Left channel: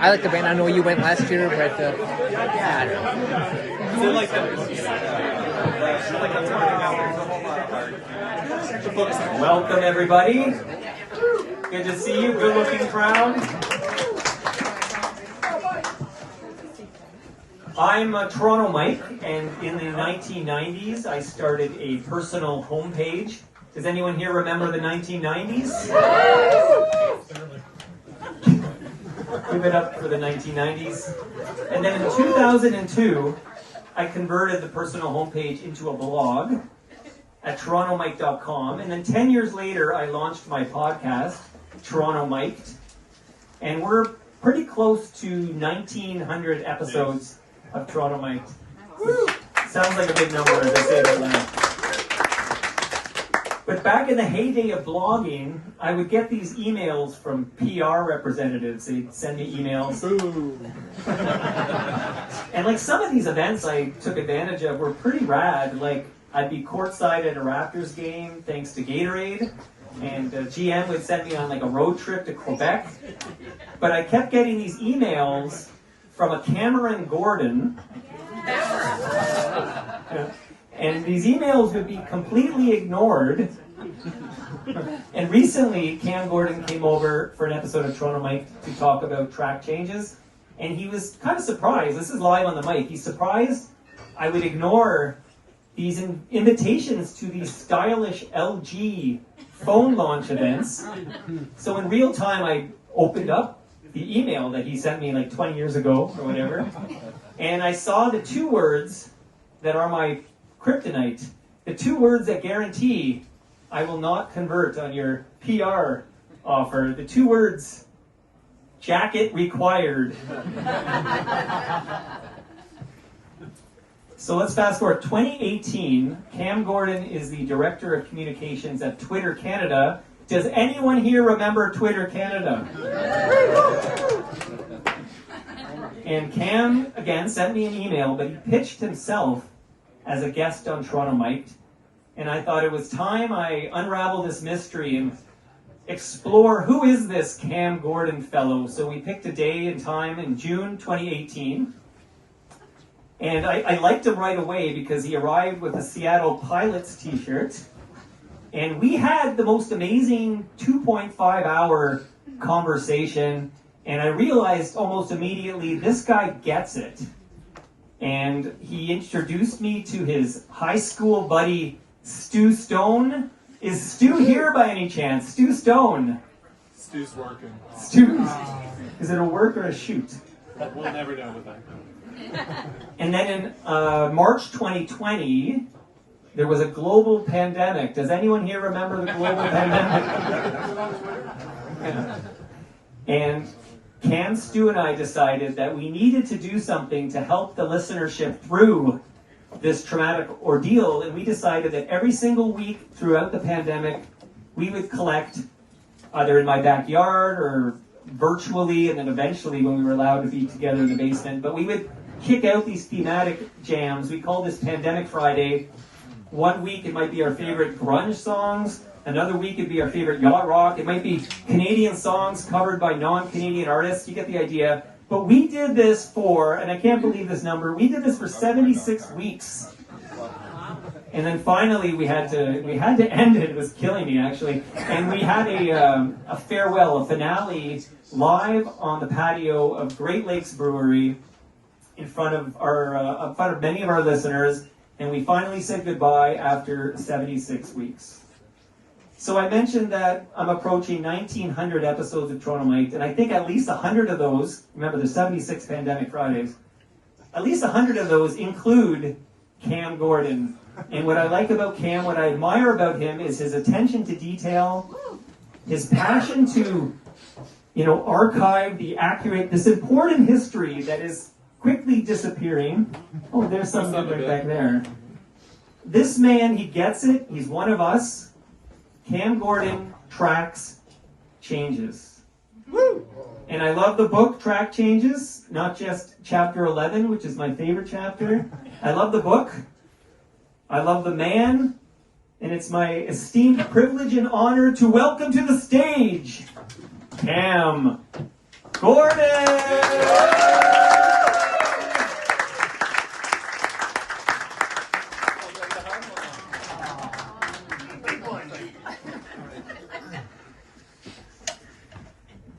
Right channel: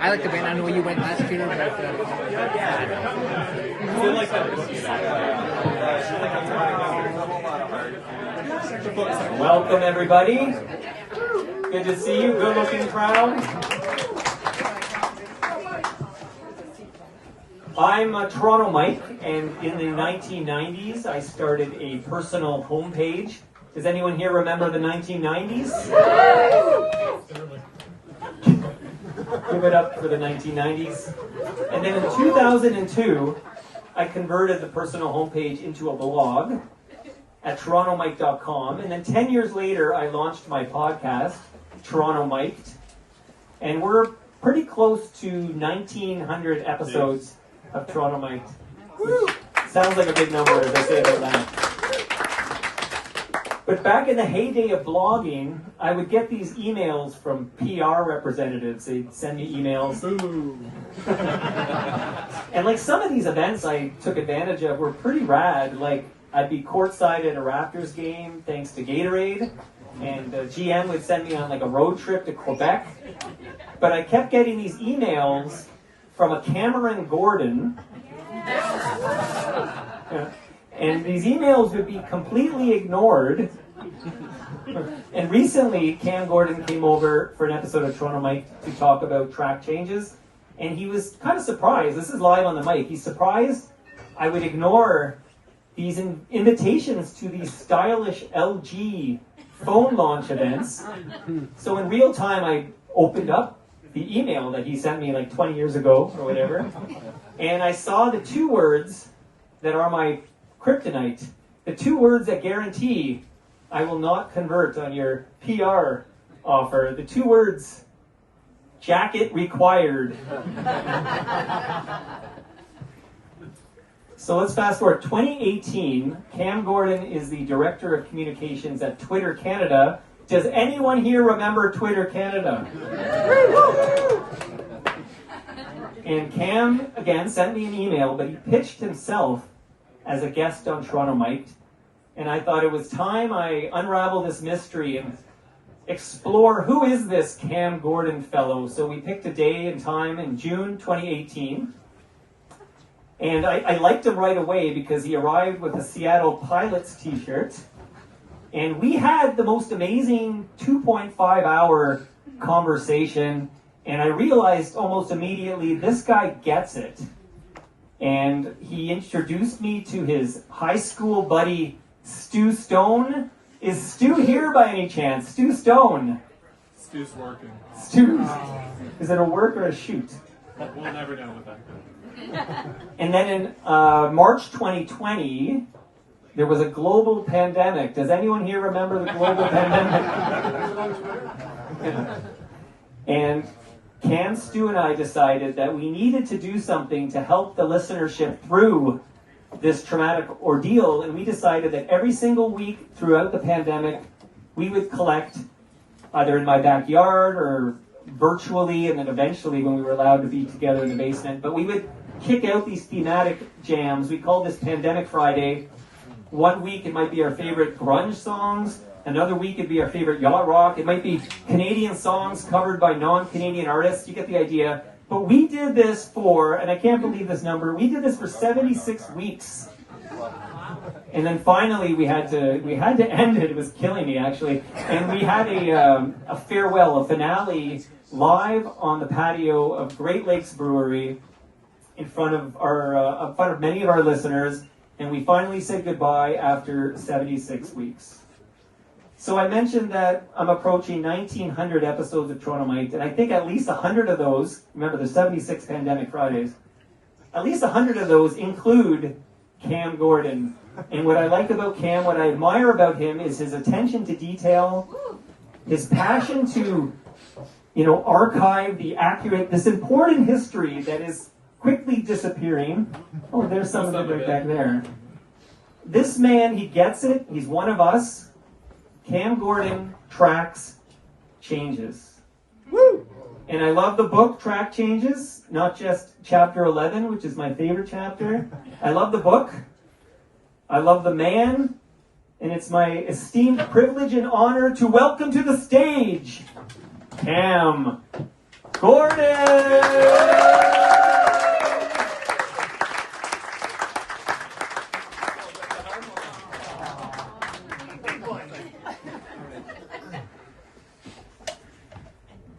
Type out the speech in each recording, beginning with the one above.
I like the band. I know you went last year, but I don't know. Welcome, everybody. Good to see you. Good-looking crowd. I'm Toronto Mike, and in the 1990s, I started a personal homepage. Does anyone here remember the 1990s? Give it up for the 1990s. And then in 2002, I converted the personal homepage into a blog at torontomike.com. And then 10 years later, I launched my podcast, Toronto Miked. And we're pretty close to 1,900 episodes of Toronto Miked. Sounds like a big number as I say it out loud. But back in the heyday of blogging, I would get these emails from PR representatives. They'd send me emails. And like some of these events I took advantage of were pretty rad. Like I'd be courtside at a Raptors game thanks to Gatorade. And GM would send me on like a road trip to Quebec. But I kept getting these emails from a Cameron Gordon. And these emails would be completely ignored. And recently, Cam Gordon came over for an episode of Toronto Mike to talk about track changes. And he was kind of surprised. This is live on the mic. He's surprised I would ignore these invitations to these stylish LG phone launch events. So in real time, I opened up the email that he sent me like 20 years ago or whatever. And I saw the two words that are my kryptonite, the two words that guarantee I will not convert on your PR offer, the two words, jacket required. So let's fast forward. 2018, Cam Gordon is the Director of Communications at Twitter Canada. Does anyone here remember Twitter Canada? And Cam, again, sent me an email, but he pitched himself as a guest on Toronto Mike. And I thought it was time I unravel this mystery and explore who is this Cam Gordon fellow. So we picked a day and time in June 2018. And I liked him right away because he arrived with a Seattle Pilots t-shirt. And we had the most amazing 2.5-hour conversation. And I realized almost immediately, this guy gets it. And he introduced me to his high school buddy, Stu Stone. Is Stu here by any chance? Stu Stone. Stu's working. Stu. Is it a work or a shoot? We'll never know the fact. And then in March 2020, there was a global pandemic. Does anyone here remember the global pandemic? And Cam, Stu, and I decided that we needed to do something to help the listenership through this traumatic ordeal, and we decided that every single week throughout the pandemic, we would collect, either in my backyard or virtually, and then eventually when we were allowed to be together in the basement, but we would kick out these thematic jams. We call this Pandemic Friday. One week it might be our favorite grunge songs. Another week it'd be our favorite yacht rock. It might be Canadian songs covered by non-Canadian artists. You get the idea. But we did this for, and I can't believe this number, we did this for 76 weeks. And then finally we had to end it. It was killing me, actually. And we had a farewell, a finale, live on the patio of Great Lakes Brewery in front of many of our listeners. And we finally said goodbye after 76 weeks. So I mentioned that I'm approaching 1,900 episodes of Toronto Mike, and I think at least 100 of those, remember there's 76 Pandemic Fridays, at least 100 of those include Cam Gordon. And what I like about Cam, what I admire about him is his attention to detail, his passion to, archive this important history that is quickly disappearing. Oh, there's something right back there. This man, he gets it. He's one of us. Cam Gordon tracks changes. Woo! And I love the book, Track Changes, not just chapter 11, which is my favorite chapter. I love the book. I love the man. And it's my esteemed privilege and honor to welcome to the stage, Cam Gordon!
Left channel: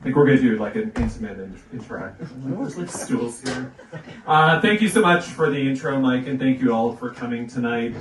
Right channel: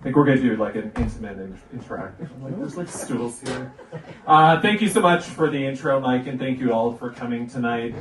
think we're gonna do like an intimate interaction. There's like stools here. Thank you so much for the intro, Mike, and thank you all for coming tonight.